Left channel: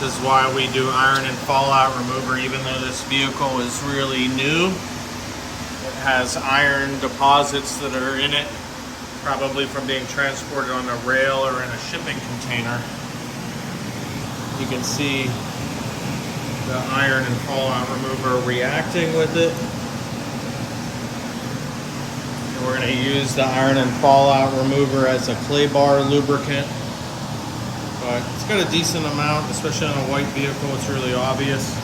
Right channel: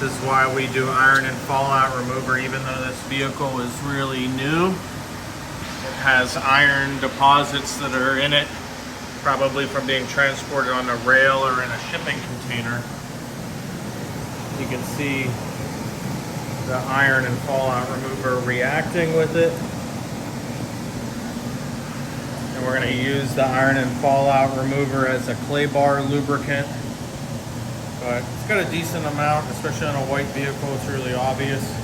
This is why we do iron and fallout remover, even though this vehicle is really new. It has iron deposits that are in it, probably from being transported on a rail or in a shipping container. You can see the iron and fallout remover reacting with it. And we're going to use the iron and fallout remover as a clay bar lubricant. But it's got a decent amount, especially on a white vehicle, it's really obvious.